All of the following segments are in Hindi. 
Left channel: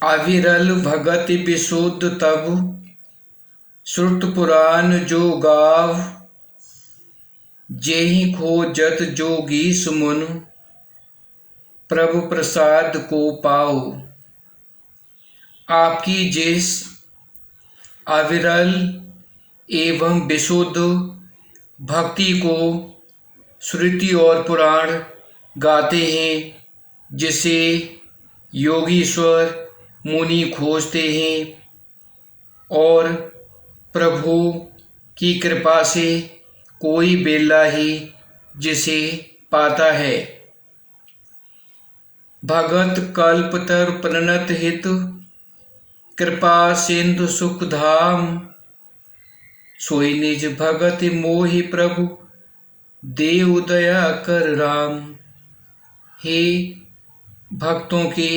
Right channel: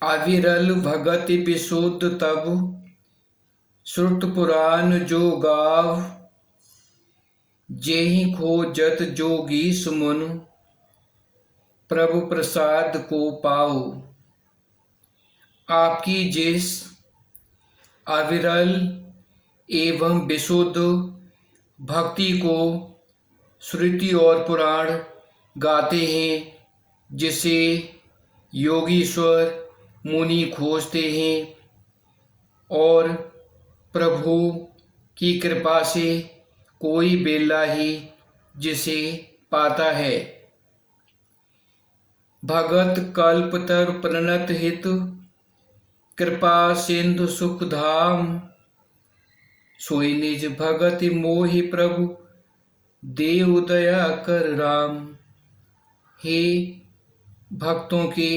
अविरल भगति विशुद्ध तब श्रुत पुराण जो गाव। जेहि खोजत जोगी सुमन प्रभु प्रसाद को पाओ। आपकी जिस अविरल एवं विशुद्ध भक्ति को श्रुति और पुराण गाते हैं, जिसे योगीश्वर मुनि खोजते हैं और प्रभु की कृपा से कोई बेला ही जिसे पाता है। भगत कल्पतर प्रणत हित कृपा सिंधु सुख धाम। सोई निज भगत मोहि प्रभु देव दया कर राम। हे भक्तों के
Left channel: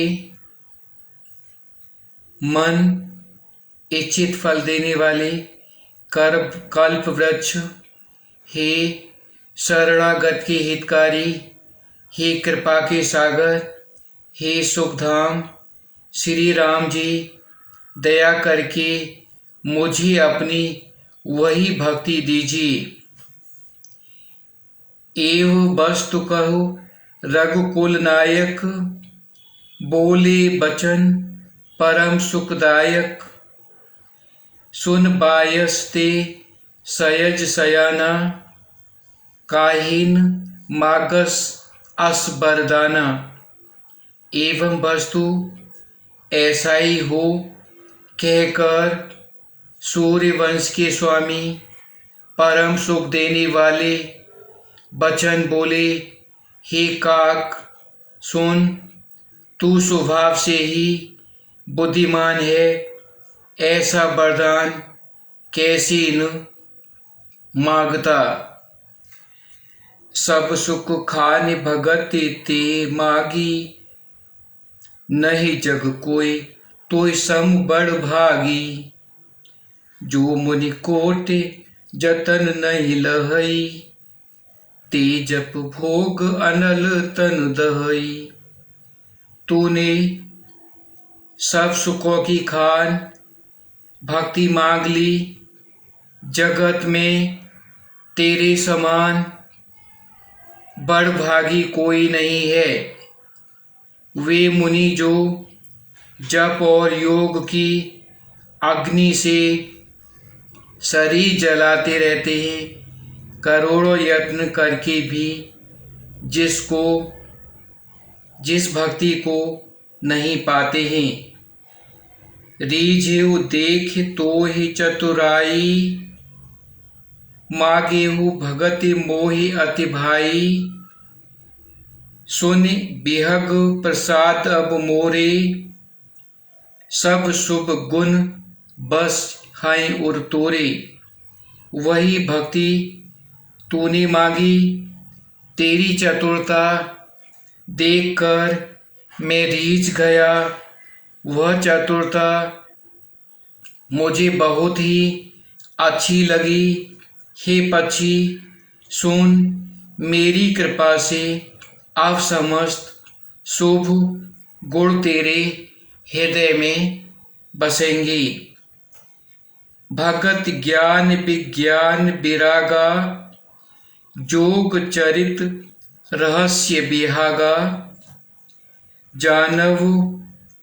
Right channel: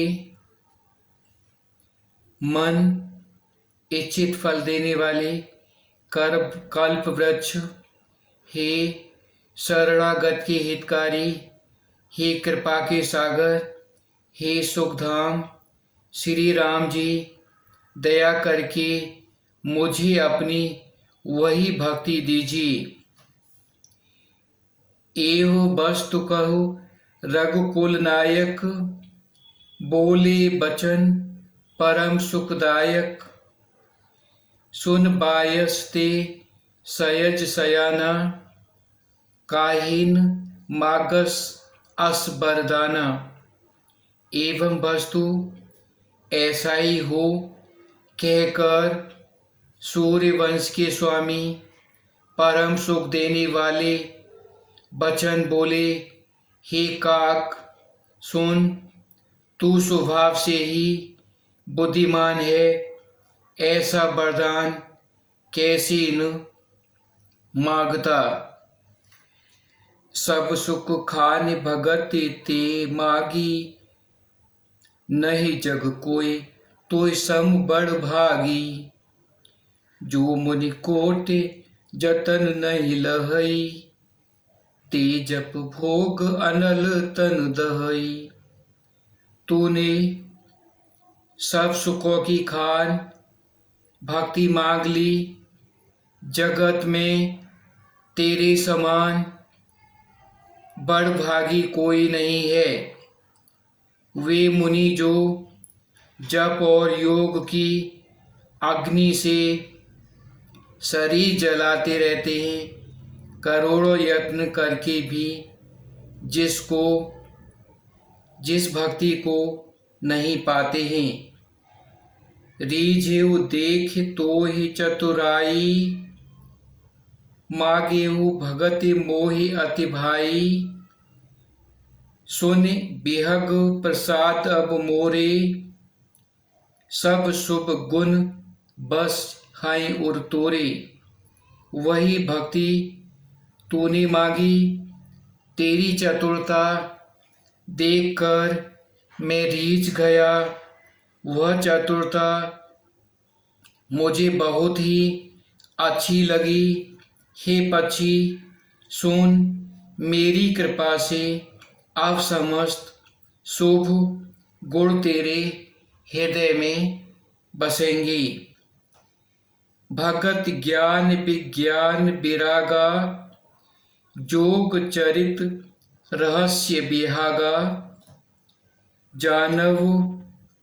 मन इच्छित फल देने वाले कल्प वृक्ष, हे शरणागत के हितकारी, हे कृपा के सागर, हे सुखधाम, श्री राम जी दया करके मुझे अपनी वही भक्ति दीजिए। एव वस्तु कहो रघुकुल नायक, बोले बचन परम सुखदायक। सुन बायस्ते सयज सयाना, काहिन मागस अस बरदाना। एवं वस्तु ऐसा ही हो कहकर सूर्यवंश के स्वामी परम सुख देने वाले बचन बोले, हे काक सुन, तू स्वभाव से ही बुद्धिमान है, ऐसा वरदान कैसे न मांगता। सब सुख खान भगत ते मागी, नहीं जग कोई तोय सम बड़ भागी। जो मुनि कोटि जतन नहीं लहई, ते जप भोग अनल तन दहई। तूने सब सुखों की खान भक्ति मांग ली, जगत में तेरे समान बड़ भागी कोई नहीं है। वे मुनि जो जप और योग की अग्नि से शरीर जलाते रहते हैं, करोड़ों यत्न करके भी जिस भक्ति को नहीं पाते हैं। रीझेउ देख तो ही चतुराई, मागेहु भगति मोहि अति भाई। सुन बिहग प्रसाद अब मोरे, सब शुभ गुण बस हैं उर तोरे। वही भक्ति तूने मांगी, तेरी चतुरता देखकर मैं रीझ गया। वह चतुरता मुझे बहुत ही अच्छी लगी। हे पक्षी सुन, मेरी कृपा से अब समस्त शुभ गुण तेरे हृदय में बसेंगे। भगत ज्ञान विज्ञान विरागा, जोग चरित रहस्य बिहागा। जानव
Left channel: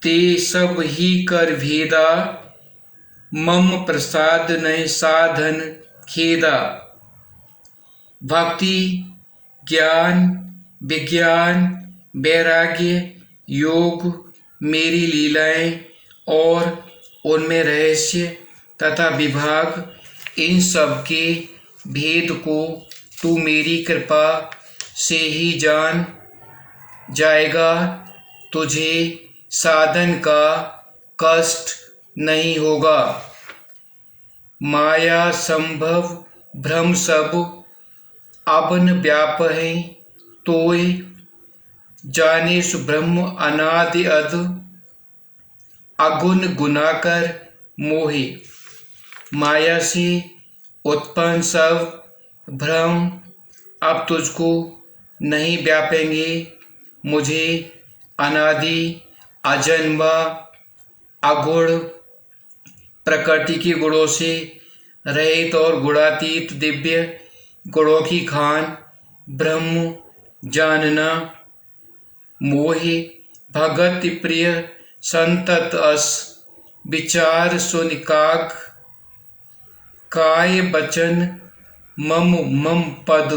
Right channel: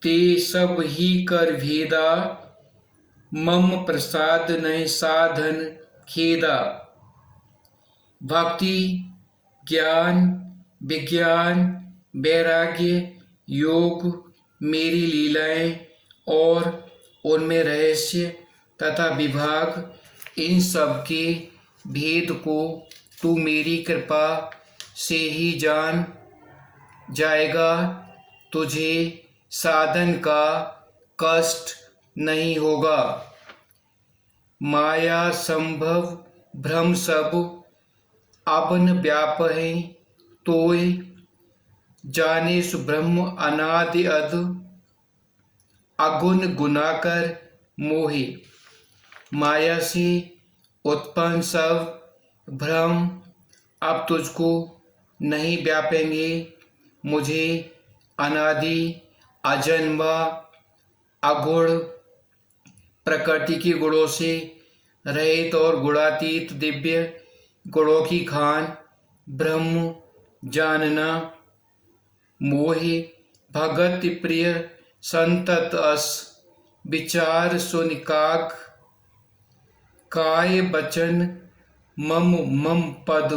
ते सब ही कर भेदा, मम प्रसाद नहीं साधन खेदा। भक्ति ज्ञान विज्ञान वैराग्य योग मेरी लीलाएं और उनमें रहस्य तथा विभाग, इन सब के भेद को तू मेरी कृपा से ही जान जाएगा। तुझे साधन का कष्ट नहीं होगा। माया संभव भ्रम सब अबन व्याप है, तोय जाने सुब्रह्म अनादि अध। अगुण गुनाकर मोहे, माया से उत्पन्न सब भ्रम अब तुझको नहीं व्यापेंगे। मुझे अनादि अजन्मा अगुण प्रकृति के गुणों से रहित और गुणातीत दिव्य गुणों की खान ब्रह्म जानना। मोहि भगत प्रिय संतत अस विचार सुनिकाग काय बचन मम मम पद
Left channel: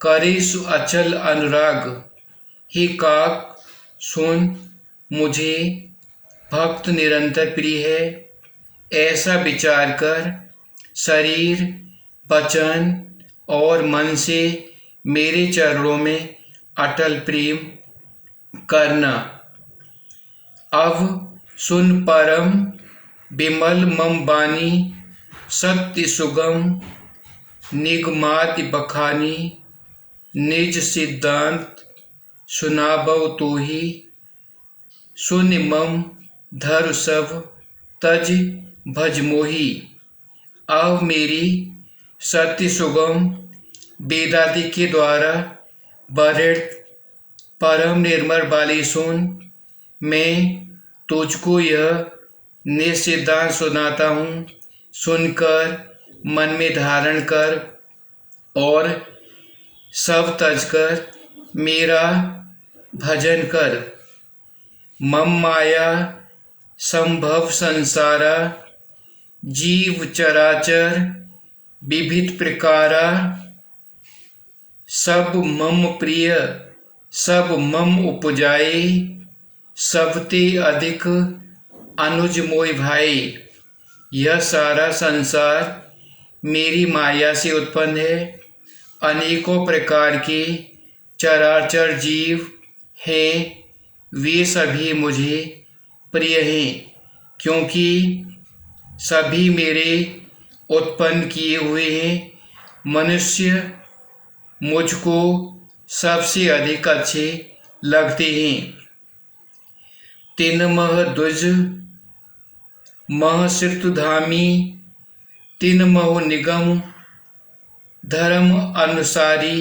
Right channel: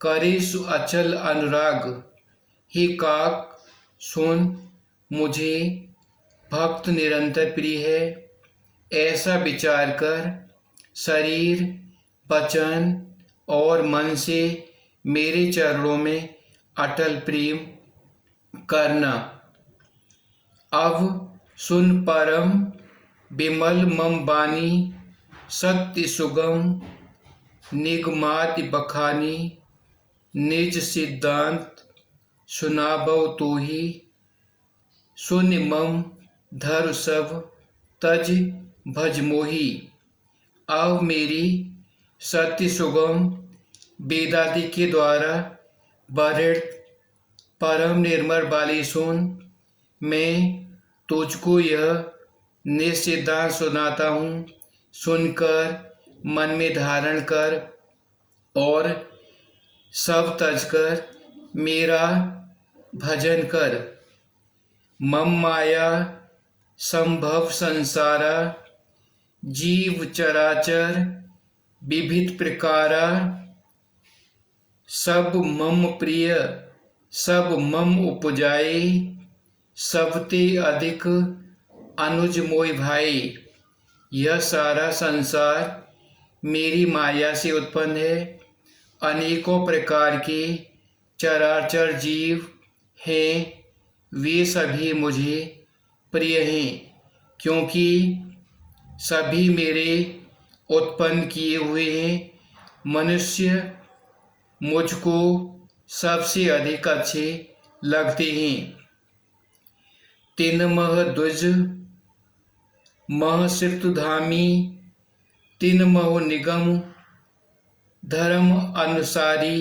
करेसु अचल अनुराग। हे काक सुन, मुझे भक्त निरंतर प्रिय है। ऐसा विचार कर शरीर वचन और मन से मेरे चरणों में अटल प्रेम करना। अब सुन परम विमल मम बानी सत्य सुगम निगमाति बखानी निज सिद्धांत सुनाबव तो ही सुन मम धर सब तज भज मोही। अब मेरी सत्य सुगम वेदादि के द्वारा वर्णित परम निर्मल वाली सुन। मैं तुझको यह निसिद्धांत सुनाता हूँ। सुनकर मन में धारण कर और सब तज कर मेरा भजन कर। मम माया संभव संसारा जीव चराचर विविध प्रकारा सब मम प्रिय सब मम उपजाए सबते अधिक अनुज मोय भाई। यह सारा संसार मेरी माया से उत्पन्न है। अनेकों प्रकार के चराचर जीव हैं, वे सभी मुझे प्रिय हैं क्योंकि सभी मेरे उत्पन्न किए हुए हैं। मनुष्य मुझको सबसे अधिक अच्छे लगते हैं। तिन मह द्विज मह श्रुतधामी तिन मह निगम धर्म अनुसारी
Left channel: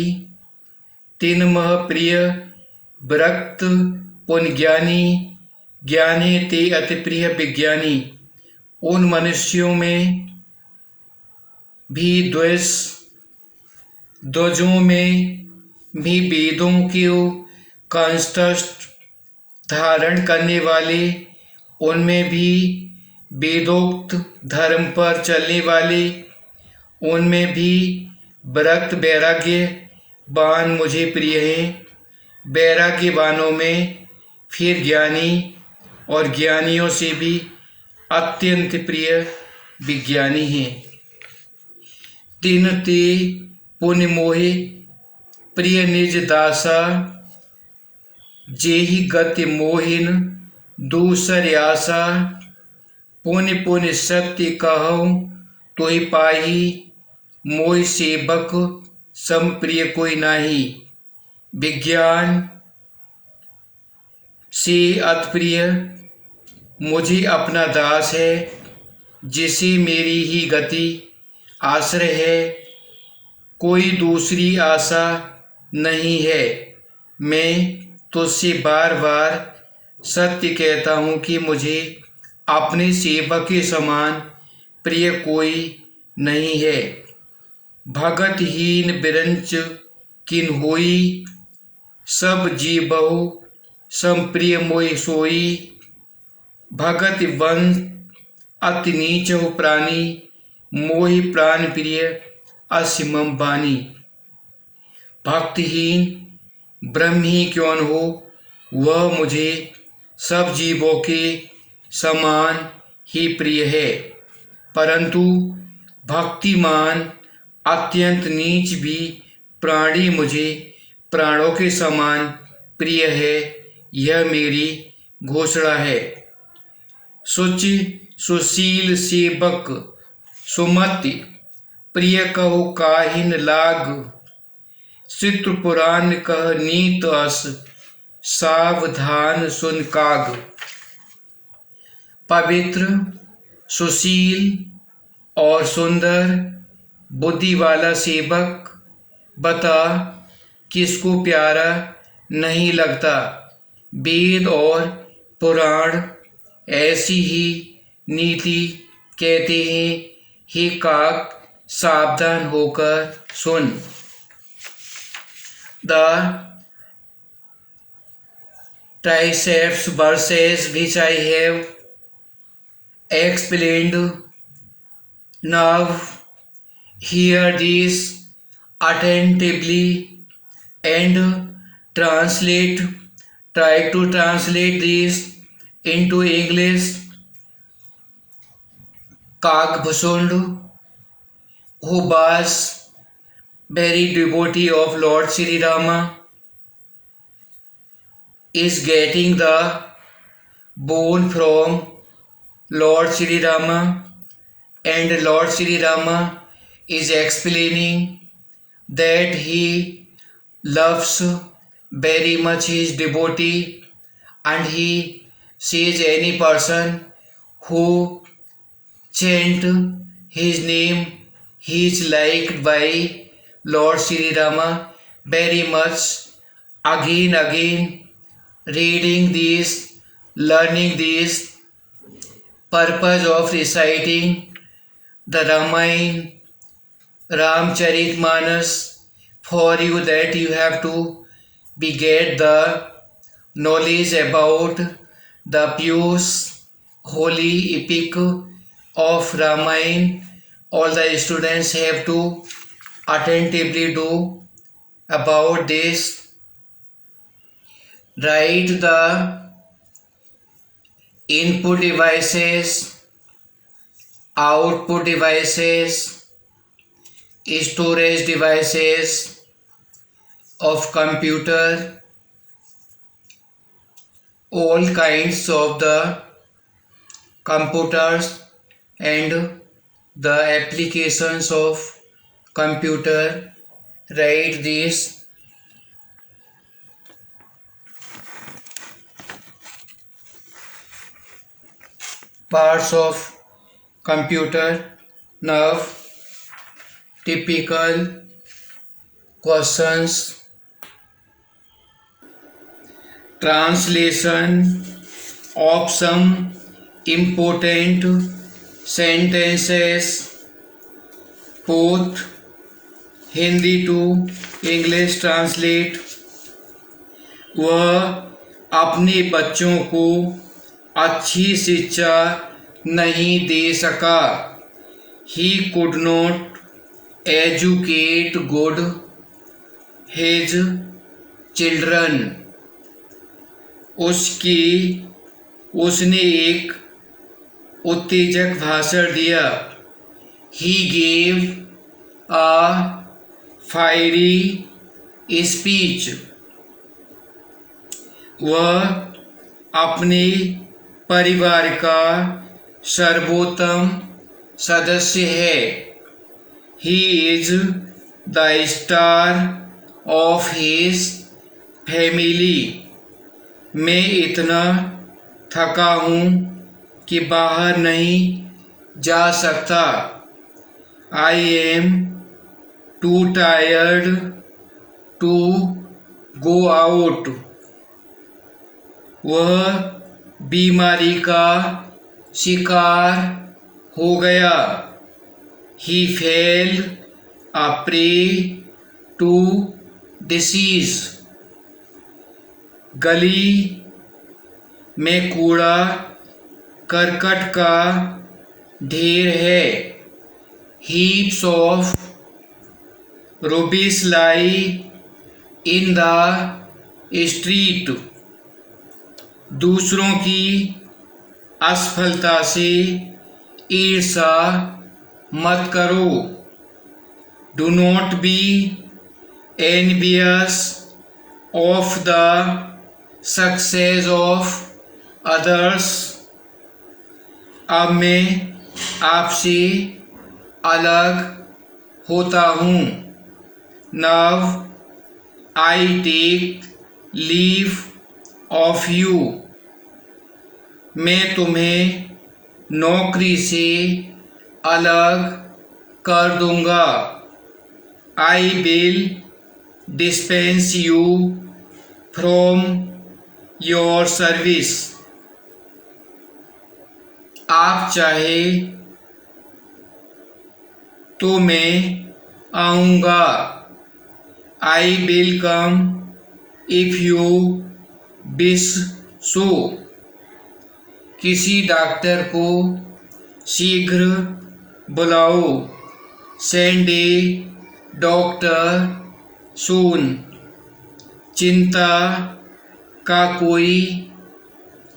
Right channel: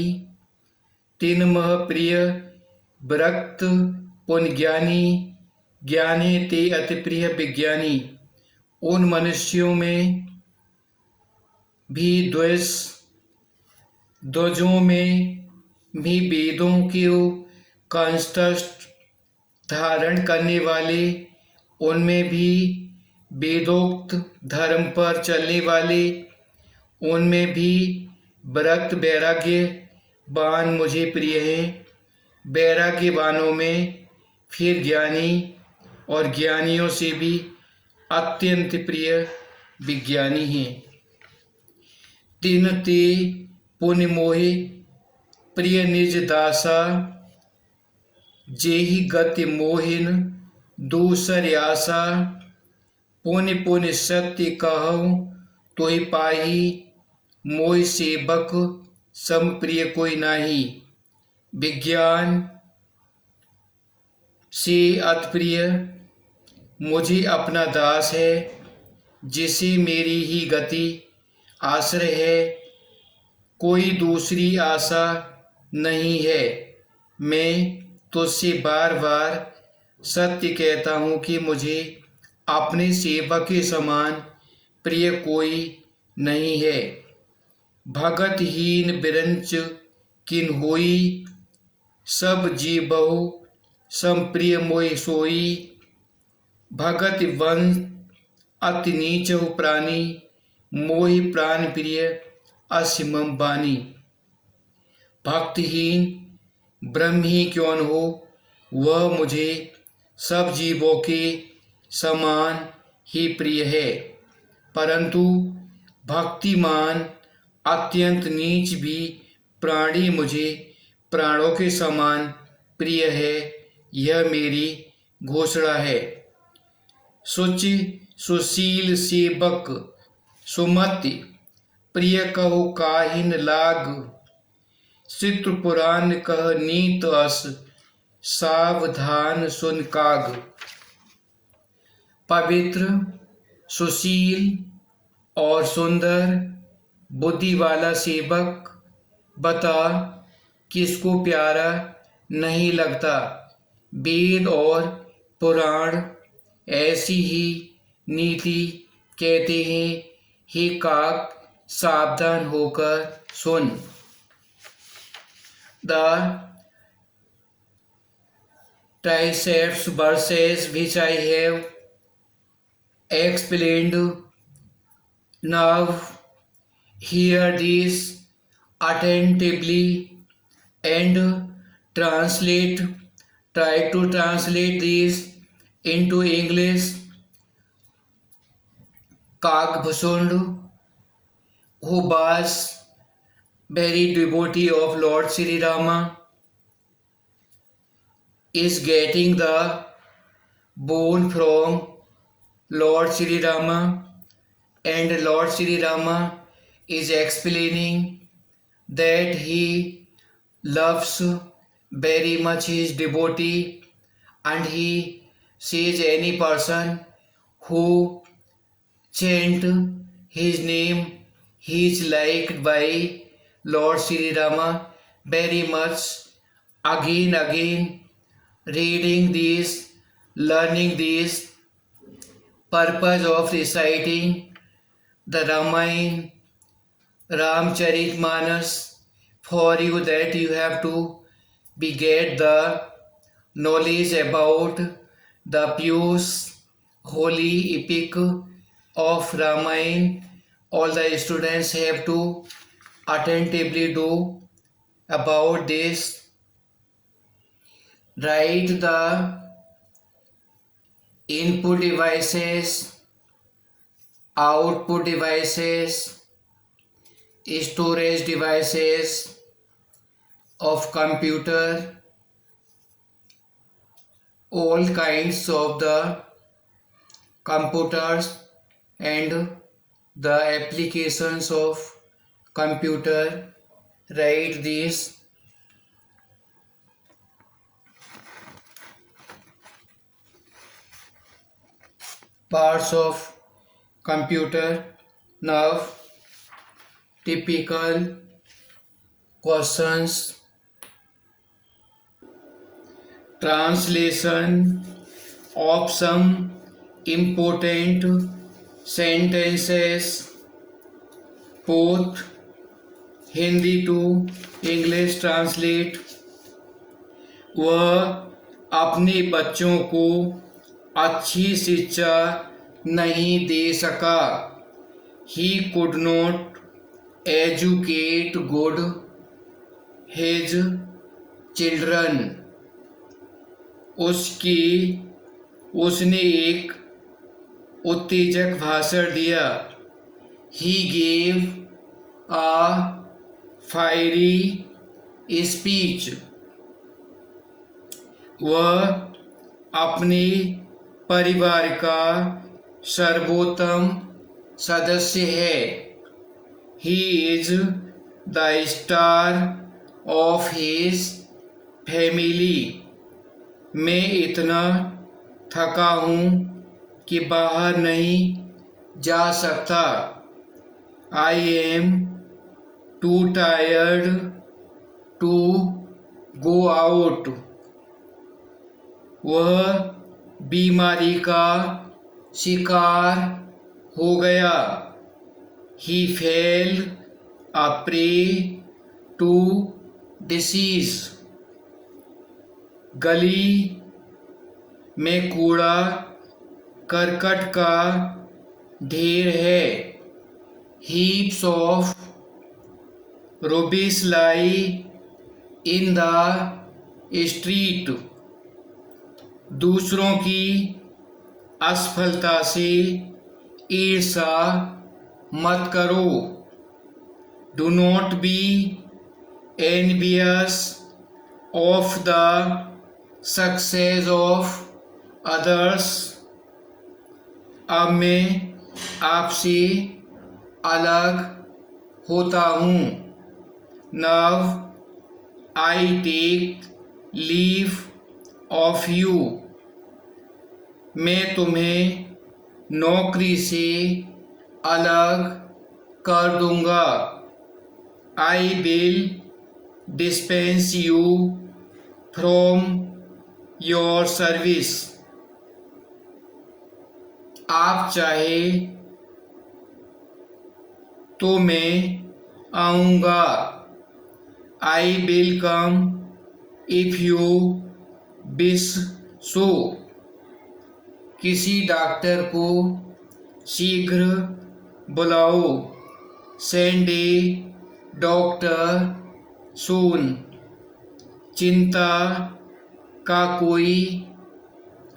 तिन मह प्रिय विरक्त पुन ज्ञानी ज्ञानी ते अति प्रिय विज्ञानी। उन मनुष्यों में भी द्विजों में भी वेदों के कंठस्थ धारण करने वाले, उनमें भी वेदोक्त धर्म पर चलने वाले, उनमें भी विरक्त वैराग्यवान मुझे प्रिय हैं। वैराग्यवानों में फिर ज्ञानी और ज्ञानियों से भी अत्यंत प्रिय विज्ञानी हैं। तिन ते पुण्य मोहि प्रिय निज दासा जेहि गति मोहिन दूसर आशा। पुण्य पुण्य सत्य कहूँ तोहि पाही मोहि सेवक सम प्रिय कोई नाही। विज्ञान से अतप्रिय मुझे अपना दास है जिसे मेरी ही गति आश्रय है, कोई दूसरी आशा नहीं है। मैं तुझसे बार बार सत्य कहता हूँ कि मुझे अपने सेवक के समान प्रिय कोई नहीं है। भगतहीन बिरंच किन होई सब जीवहु सम प्रिय मोहि सोई। भगत वंश अति नीच प्राणी मोहि प्राण प्रिय असिमम बानी। भक्तिहीन ब्रह्म ही क्यों न हो, वह मुझे सब जीवों के समान ही प्रिय है, परंतु भक्तिमान अत्यंत नीच भी प्राणी मुझे प्राणों के समान प्रिय है। यह मेरी घोषणा है। शुचि सुशील सेवक सुमति प्रिय कहो काहिन लाग। चित्र पुराण कह नीत अस सावधान सुन काग। पवित्र सुशील और सुंदर बुद्धि वाला सेवक बता किसको प्यारा नहीं लगता। वेद और पुराण ऐसी ही नीति कहते हैं। हे काक, सावधान होकर सुन। The triceps verses which I have explained. Now hear this attentively and try to translate this into English. Kakbhusund, who was very devotee of Lord Sri Rama, is getting the boon from Lord Sri Rama, and Lord Sri Rama is explaining that he loves very much his devotee, and he says any person who chant his name, he is liked by Lord Sri Rama very much. Again, reading this, learning this, purpose of reciting the Ramayana, Ramcharitmanas, for you that you have to get the knowledge about the pious holy epic of Ramayana. All the students have to attentively do about this. Write the input devices, output devices, storage devices of computer, all kinds of the computers and the applications of computer. Write these. Parts of computer. Now typical questions. Translation of some important sentences, both Hindi to English translate. वह अपने बच्चों को अच्छी शिक्षा नहीं दे सका. He could not educate good his children. उसने एक उत्तेजक भाषण दिया. He gave a fiery speech. वह अपने परिवार का सर्वोत्तम सदस्य है. He is the star of his family. मैं इतना थका हूँ कि बाहर नहीं जा सकता. I am too tired to go out. वह बीमारी का शिकार हो गया. He fell a prey to disease. गली में कूड़ा करकट का ढेर है. Heaps of rubbish lie in the street. दूसरों की असफलता से ईर्ष्या मत करो. Do not be envious of the success of others. अब मैं आपसे अलग होता हूँ. Now I take leave of you. मैं तुम्हें नौकरी से अलग कर दूंगा. I will dispense you from your service. आप चाहे तो मैं आऊँगा। I will come if you wish so. किसी डॉक्टर को शीघ्र बुलाओ। Send a doctor soon. चिंता का कोई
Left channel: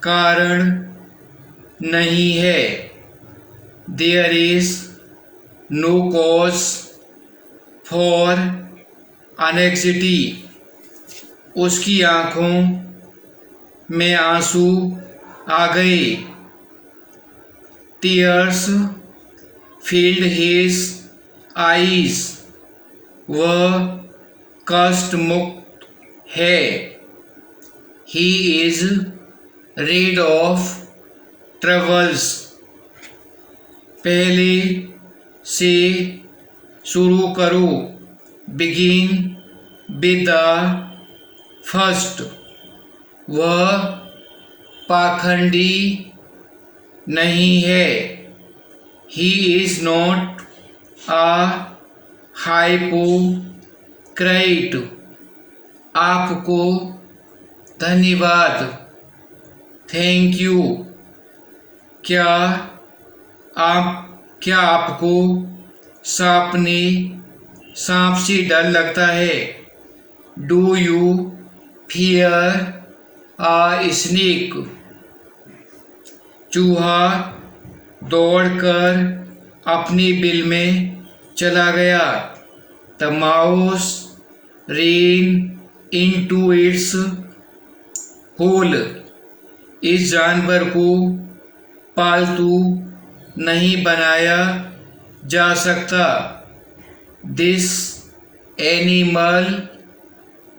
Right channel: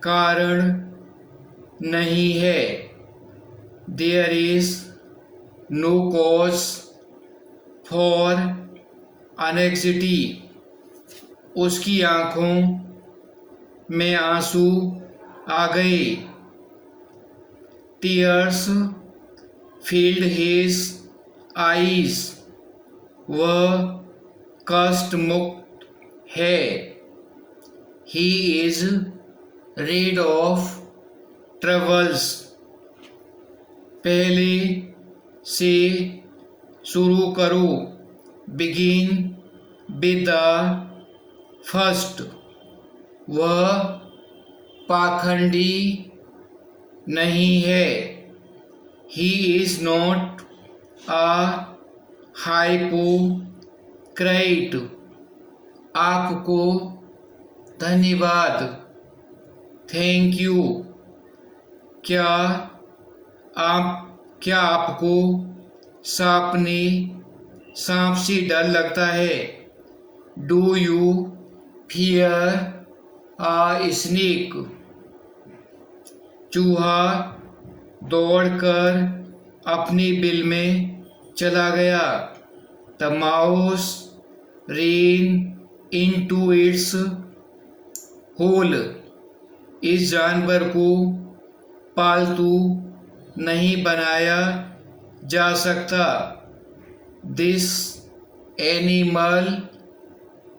कारण नहीं है। There is no cause for anxiety. उसकी आंखों में आंसू आ गए। Tears filled his eyes. वह कष्ट मुक्त है। He is rid of troubles. पहले से शुरू करो। Begin with the first. वह पाखंडी नहीं है। He is not a hypocrite. आपको धन्यवाद। Thank you. क्या आपको सांप से डर लगता है? Do you fear a snake? चूहा दौड़कर अपनी बिल में चला गया। The mouse ran into its hole। इस जानवर को पालतू नहीं बनाया जा सकता। This animal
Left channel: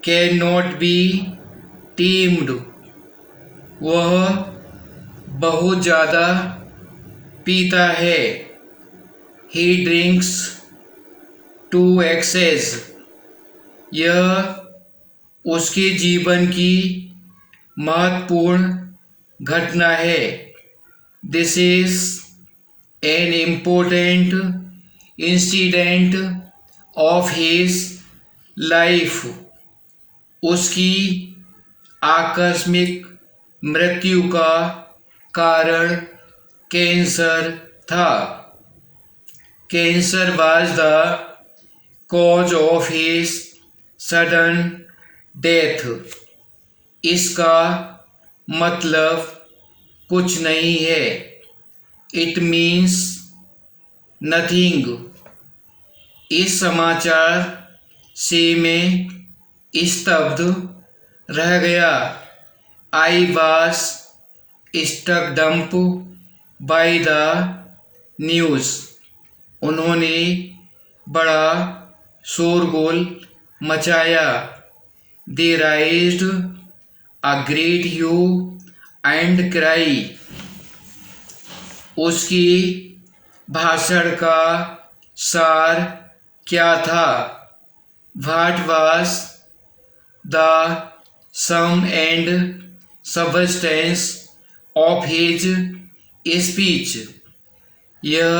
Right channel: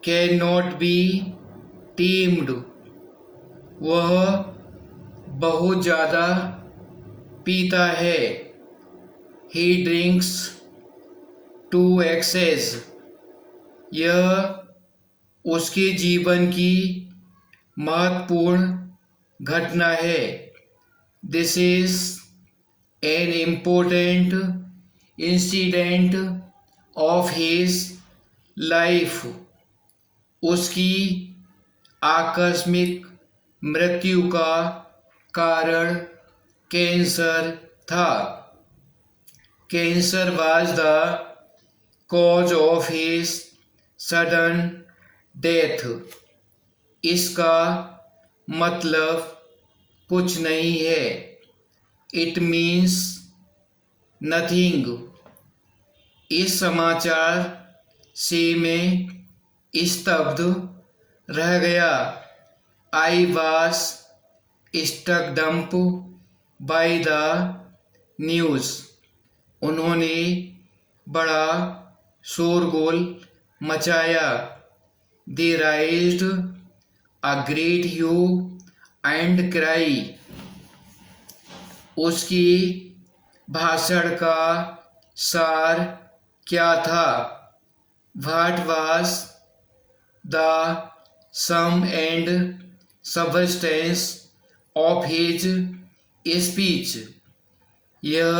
can not be tamed. वह बहुत ज़्यादा पीता है। He drinks to excess. यह उसके जीवन की महत्वपूर्ण घटना है। This is an important incident of his life. उसकी आकस्मिक मृत्यु का कारण कैंसर था। Cancer was the cause of his sudden death. इसका मतलब कुछ नहीं है। It means nothing. इस समाचार से मैं स्तब्ध रह गया। I was stuck dumb by the news. उन्होंने बड़ा शोरगुल मचाया। They raised a great hue and cry. उसकी भाषण का सार क्या था? What was the sum and substance of his speech? यह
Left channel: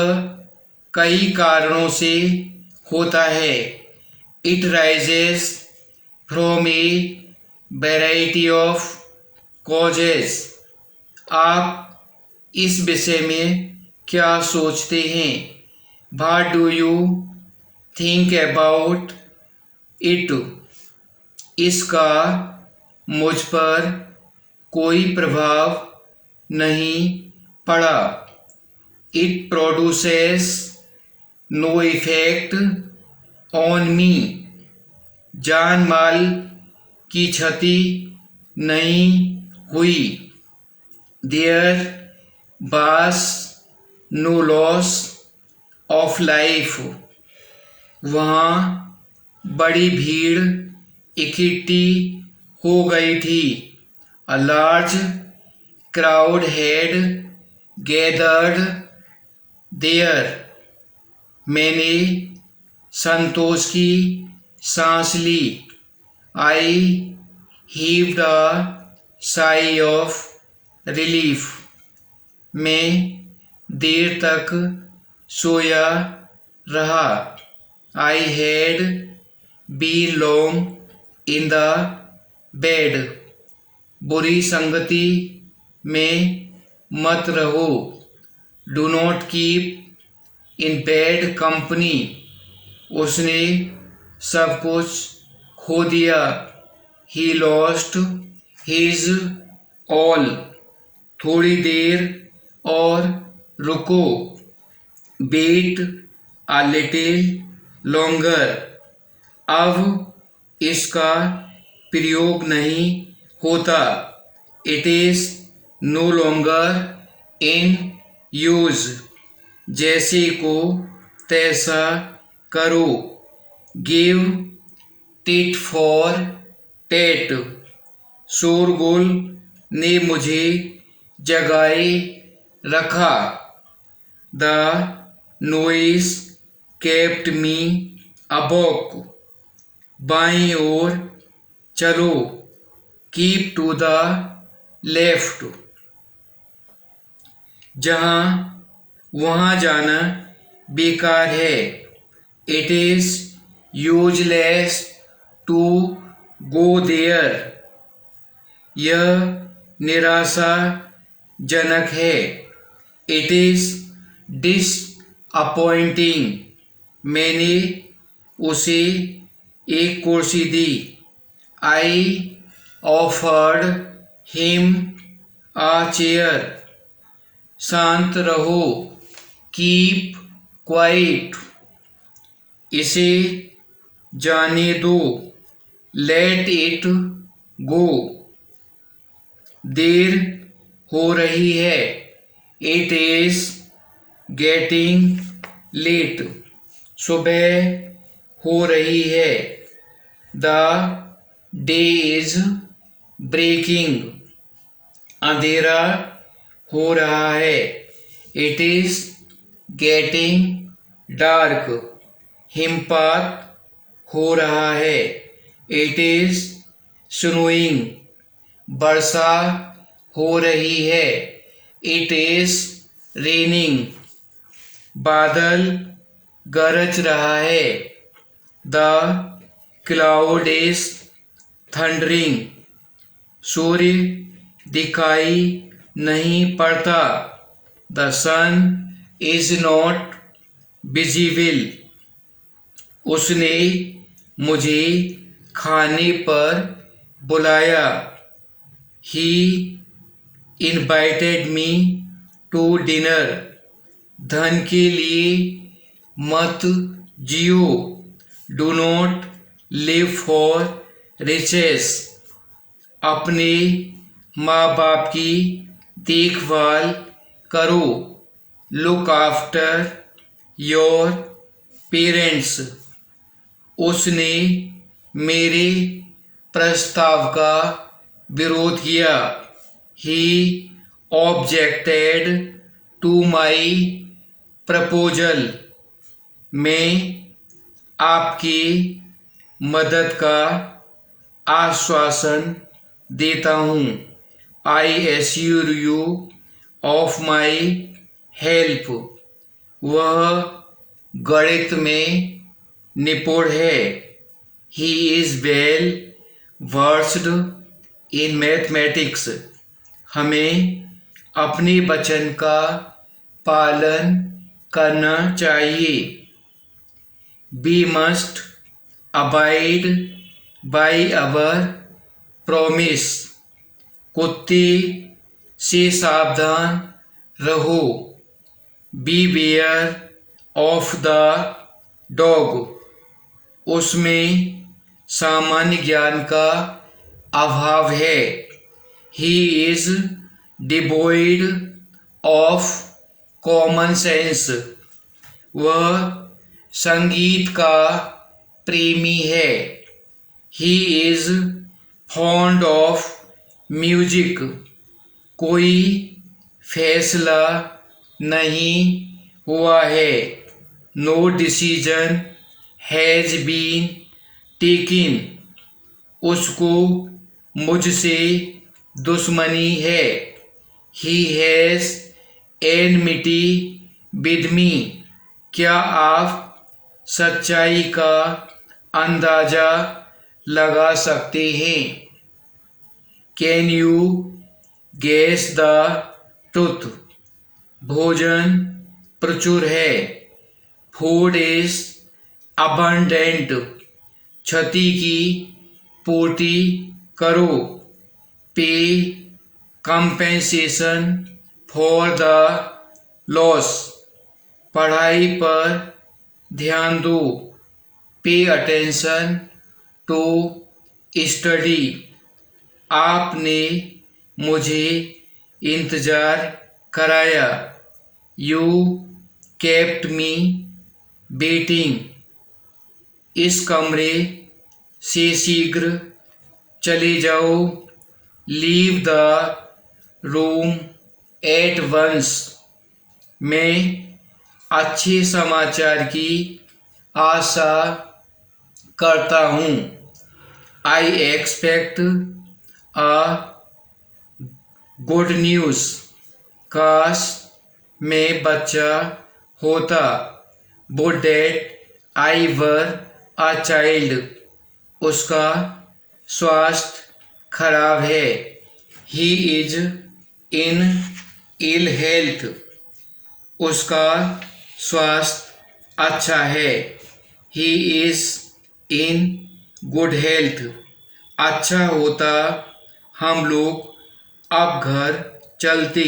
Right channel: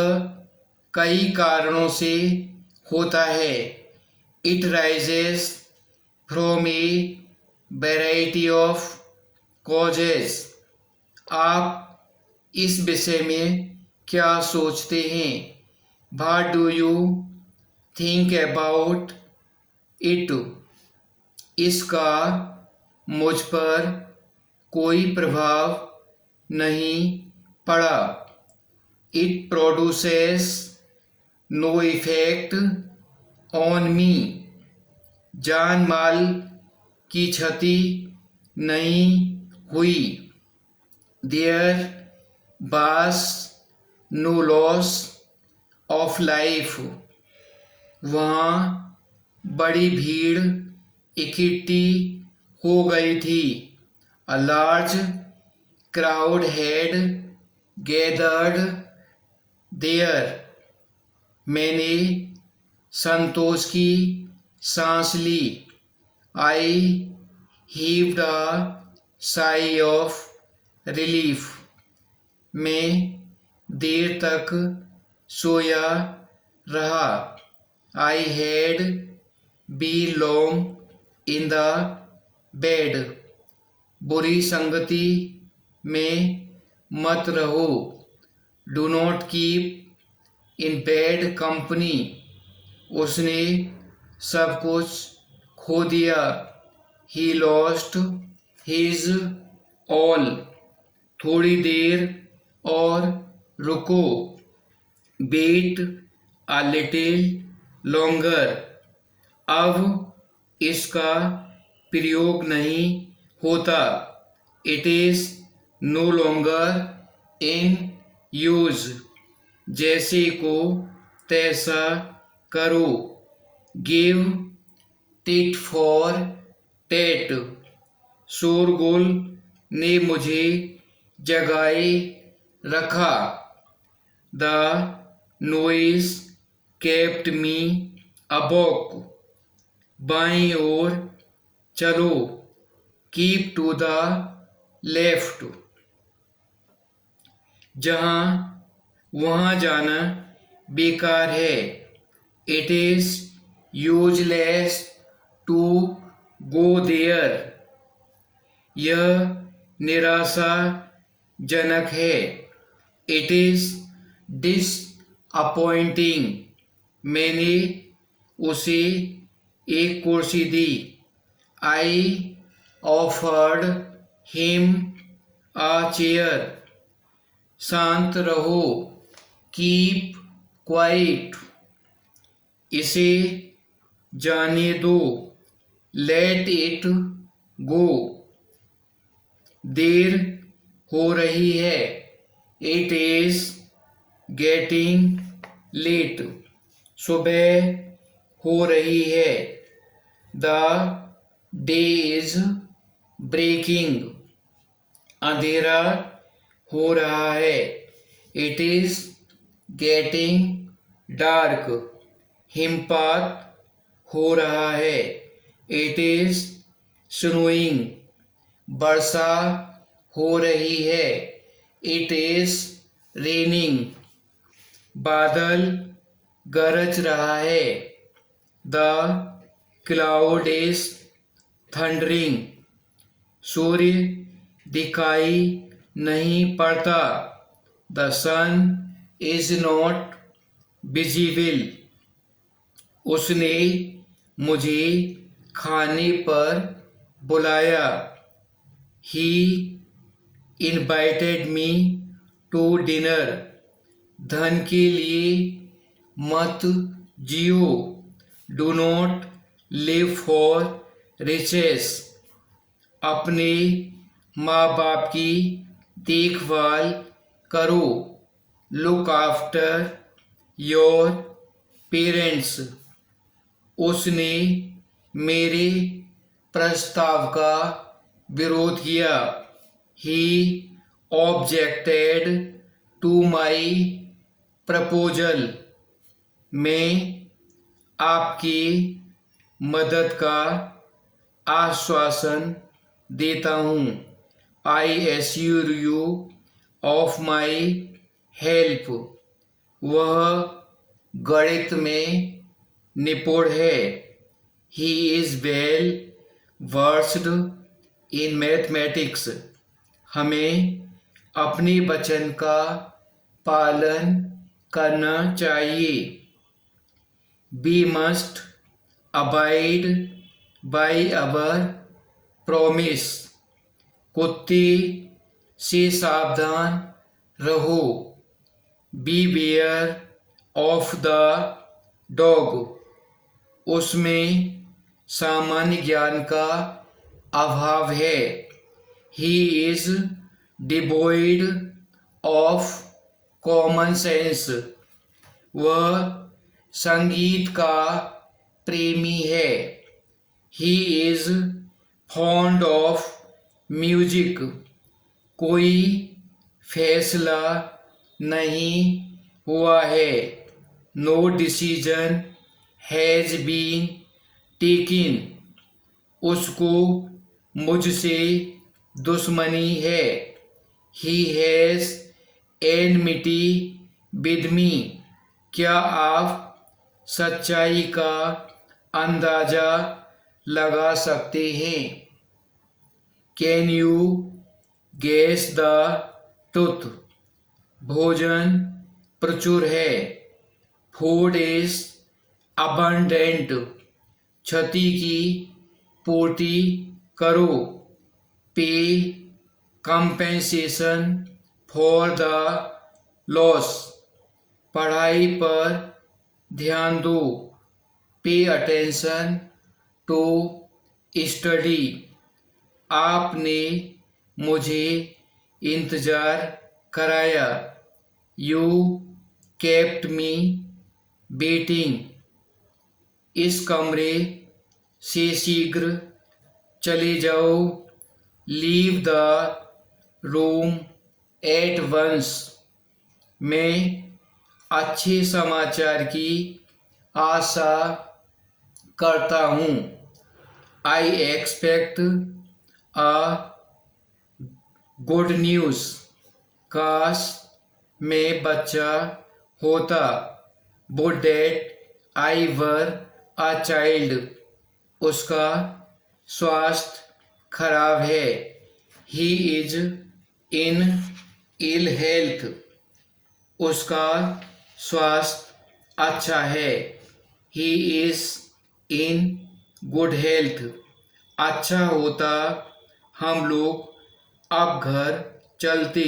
कई कारणों से होता है। It arises from a variety of causes. आप इस विषय में क्या सोचते हैं? What do you think about it? इसका मुझ पर कोई प्रभाव नहीं पड़ा। It produces no effect on me. जान माल की क्षति नहीं हुई। There was no loss of life. वहाँ बड़ी भीड़ इकट्ठी हो गई थी। A large crowd had gathered there. मैंने संतोष की सांस ली। I heaved a sigh of relief. मैं देर तक सोया रहा। I had been long in the bed। बुरी संगति में मत रहो। Do not keep in bad company. उसने सब कुछ खो दिया। He lost his all. थोड़ी देर और रुको। Wait a little longer. अब इसका प्रयोग नहीं होता। It is no longer in use. जैसे को तैसा करो। Give tit for tat. शोरगुल ने मुझे जगाए रखा। The noise kept me awake. बाईं ओर चलो। Keep to the left. जहाँ वहाँ जाना बेकार है। It is useless to go there. यह निराशाजनक है। It is disappointing. मैंने उसे एक कुर्सी दी। I offered him a chair. शांत रहो। Keep quiet. इसे जाने दो। Let it go. देर हो रही है। It is getting late. सुबह हो रही है। The day is breaking. अंधेरा हो रहा है। It is getting dark. हिमपात हो रहा है। It is snowing. वर्षा हो रही है। It is raining. बादल गरज रहा है। The cloud is thundering. सूर्य दिखाई नहीं पड़ता। The sun is not visible. उसने मुझे खाने पर बुलाया। He invited me to dinner. धन के लिए मत जियो। Do not live for riches. अपने माँ बाप की देखभाल करो। Look after your parents. उसने मेरे प्रस्ताव का विरोध किया। He objected to my proposal. मैं आपकी मदद का आश्वासन देता हूँ। I assure you of my help. वह गणित में निपुण है। He is well versed in mathematics. हमें अपने वचन का पालन करना चाहिए। We must abide by our promise. कुत्ते से सावधान रहो। Beware of the dog. उसमें सामान्य ज्ञान का अभाव है। He is devoid of common sense. वह संगीत का प्रेमी है। He is fond of music. कोई फैसला नहीं हुआ है। No decision has been taken. उसको मुझसे दुश्मनी है। He has enmity with me, क्या आप सच्चाई का अंदाजा लगा सकते हैं? Can you guess the truth, भोजन प्रचुर है। फूड इज अबंडेंट, क्षति की पूर्ति करो। पे कंपेंसेशन फॉर द लॉस, पढ़ाई पर ध्यान दो। पे अटेंशन टू स्टडी, आपने मुझे इंतजार कराया। यू केप्ट मी वेटिंग, इस कमरे से शीघ्र चले जाओ। Leave the room at once, मैं अच्छे समाचार की आशा करता हूँ। I expect a good news, काश मैं बच्चा होता। Would that I were a child, उसका स्वास्थ्य खराब है। He is in ill health, उसका स्वास्थ्य अच्छा है। He is in good health, अच्छा होता हम लोग अब घर चलते।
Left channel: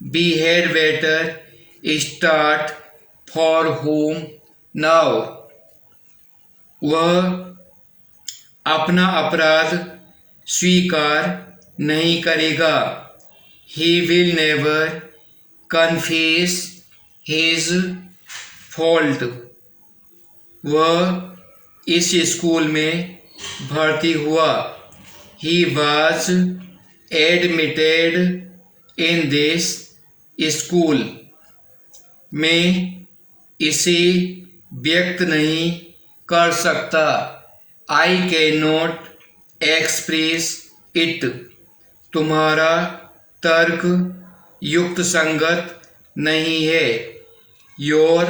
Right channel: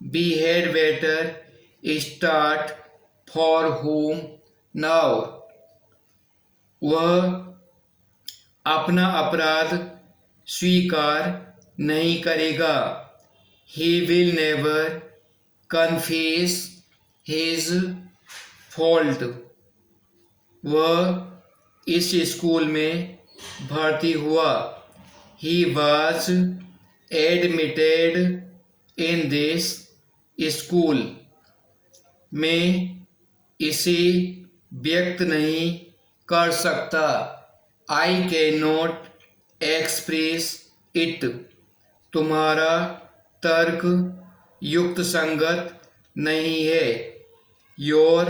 We had better start for home now, वह अपना अपराध स्वीकार नहीं करेगा। He will never confess his fault, वह इस स्कूल में भर्ती हुआ। He was admitted in this school, मैं इसे व्यक्त नहीं कर सकता। I can not express it, तुम्हारा तर्क युक्त संगत नहीं है। Your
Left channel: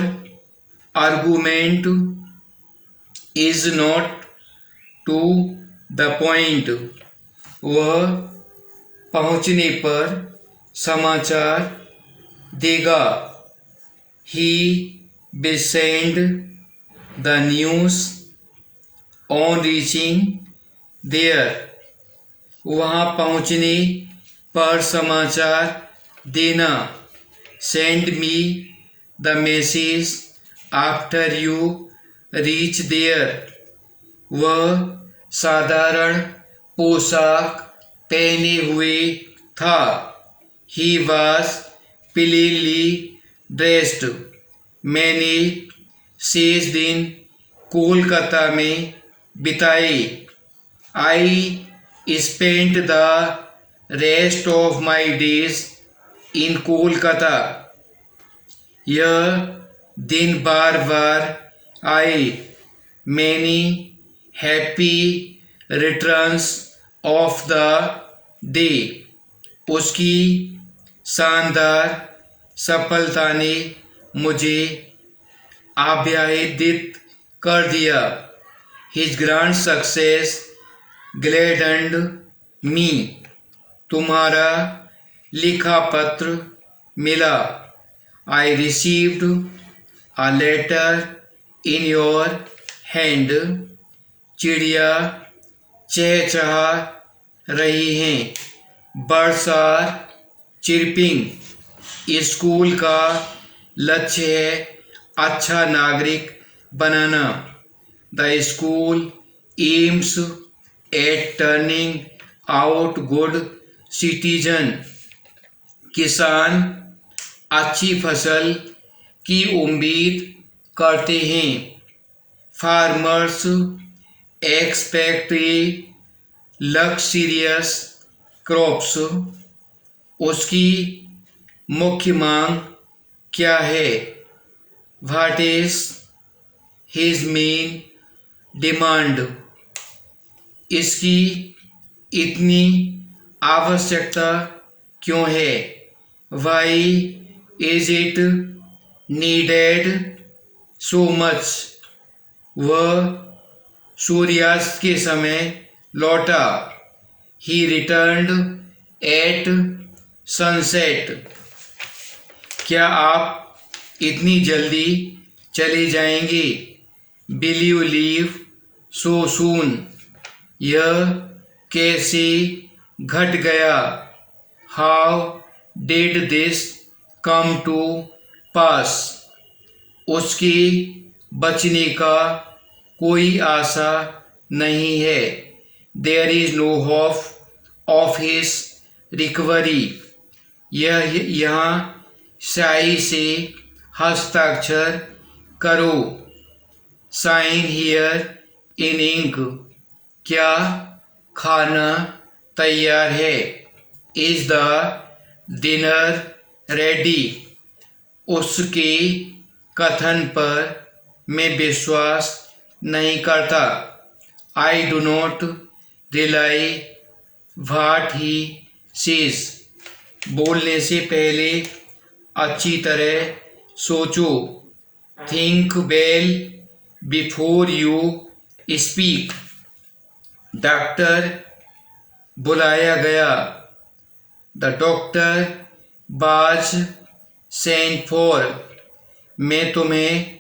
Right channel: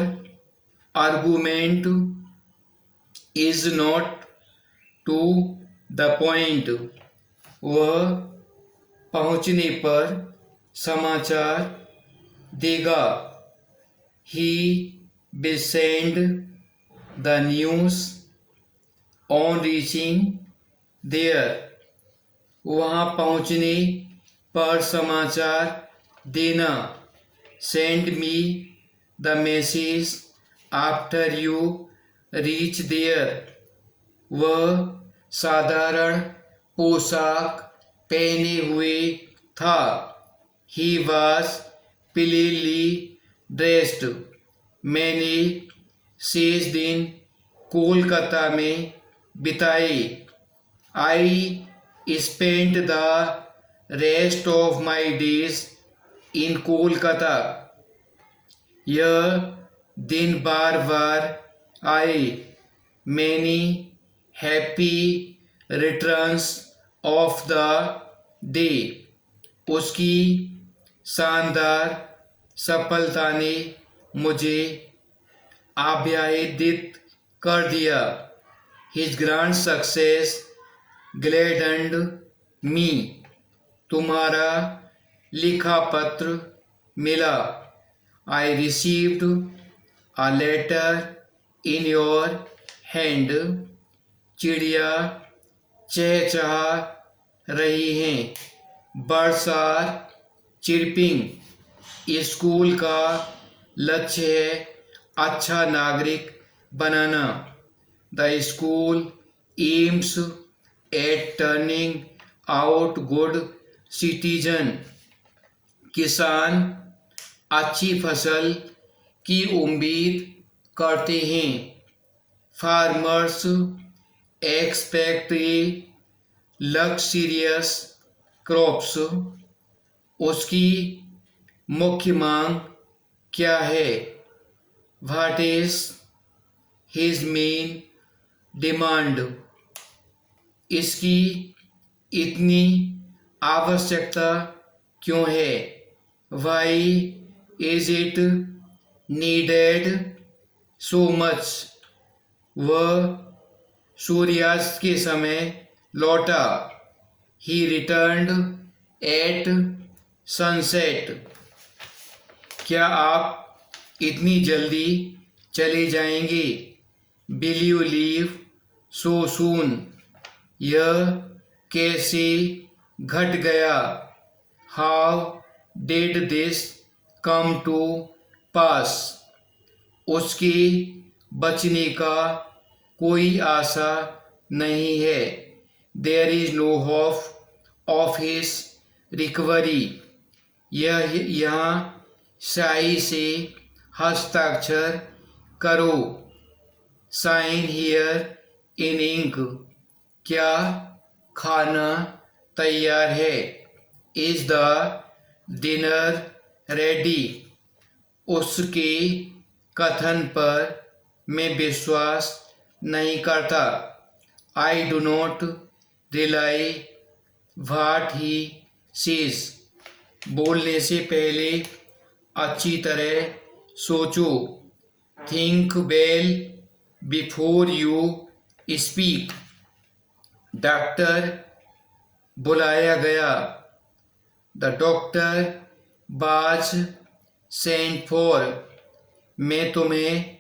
argument is not to the point, वह पहुंचने पर समाचार देगा। He will send the news on reaching there, वहाँ पहुँचने पर समाचार देना। Send me the message after you reach there, वह साधारण पोशाक पहने हुए था। ही वॉज प्लेनली ड्रेस्ड, मैंने शेष दिन कोलकाता में बिताए। I spent the rest of my days in Kolkata, यह दिन बार बार आए। Many happy returns of the day, उसकी शानदार सफलता ने मुझे आह्लादित कर दिया। His grand success gladdened me, तुम्हारा लिखा पत्र मिला। I received a letter in your hand, चिड़िया चहचहा रही हैं। बर्ड्स आर चिरपिंग, स्कूल का लक्ष्य है अच्छा नागरिक बनाना। The school aims at turning out good citizen, किसान अच्छी फसल की उम्मीद करते हैं। फार्मर्स एक्सपेक्ट लक्सीरियस क्रॉप्स, उसकी मुख्य मांग क्या है। What is his main demand, इसकी इतनी आवश्यकता क्यों है। Why is it needed so much? वह सूर्यास्त के समय लौटा। He returned at sunset. क्या आप इतनी जल्दी चले जाएंगे? Will you leave so soon? यह कैसे घट गया? How did this come to pass? उसके बचने का कोई आशा नहीं है। There is no hope of his recovery. यह यहाँ स्याही से हस्ताक्षर करो। Sign here in ink. क्या खाना तैयार है? Is the dinner ready? उसके कथन पर मैं विश्वास नहीं करता। I do not rely what he says. बोलने से पहले अच्छी तरह सोचो। Think well before you speak. Doctor बुलाया गया। The doctor was sent for. मैं तुम्हें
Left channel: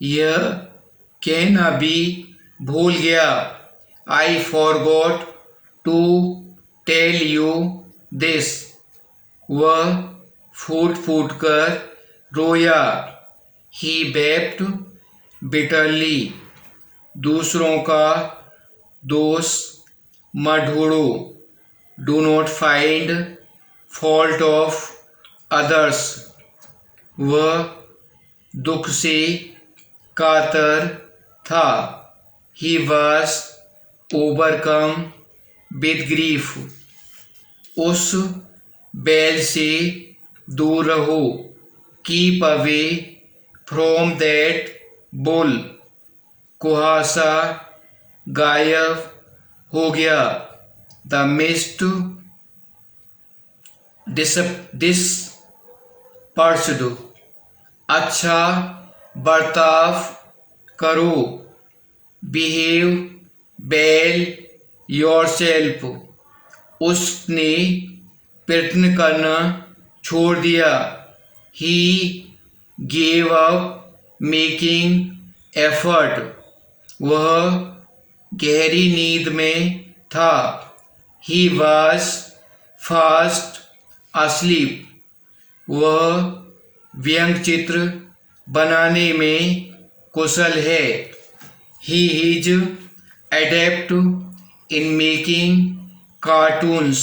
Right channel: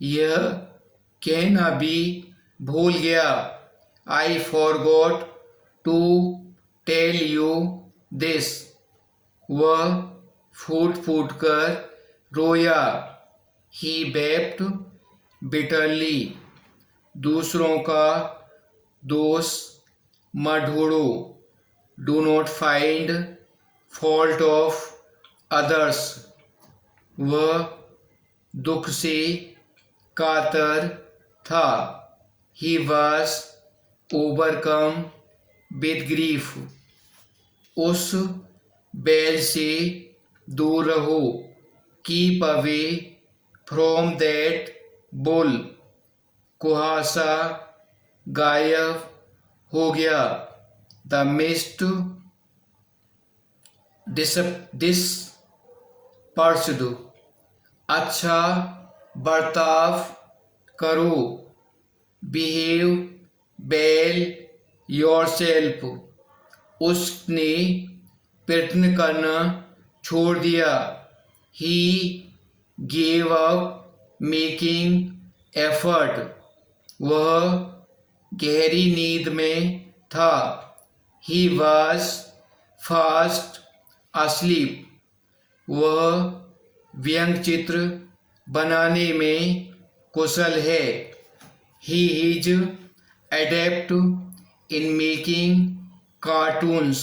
यह कहना भी भूल गया। I forgot to tell you this. वह फूट फूट कर रोया। He wept bitterly. दूसरों का दोष मत ढूंढो। Do not find fault of others. वह दुख से कातर था। He was overcome with grief. उस बैल से दूर रहो। Keep away from that bull. कुहासा गायब हो गया। The mist dispersed. अच्छा बर्ताव करो। Behave well yourself. उसने प्रयत्न करना छोड़ दिया। He gave up making effort. वह गहरी नींद में था। He was fast asleep. वह व्यंग्य चित्र बनाने में कुशल है। He is adept in making cartoons.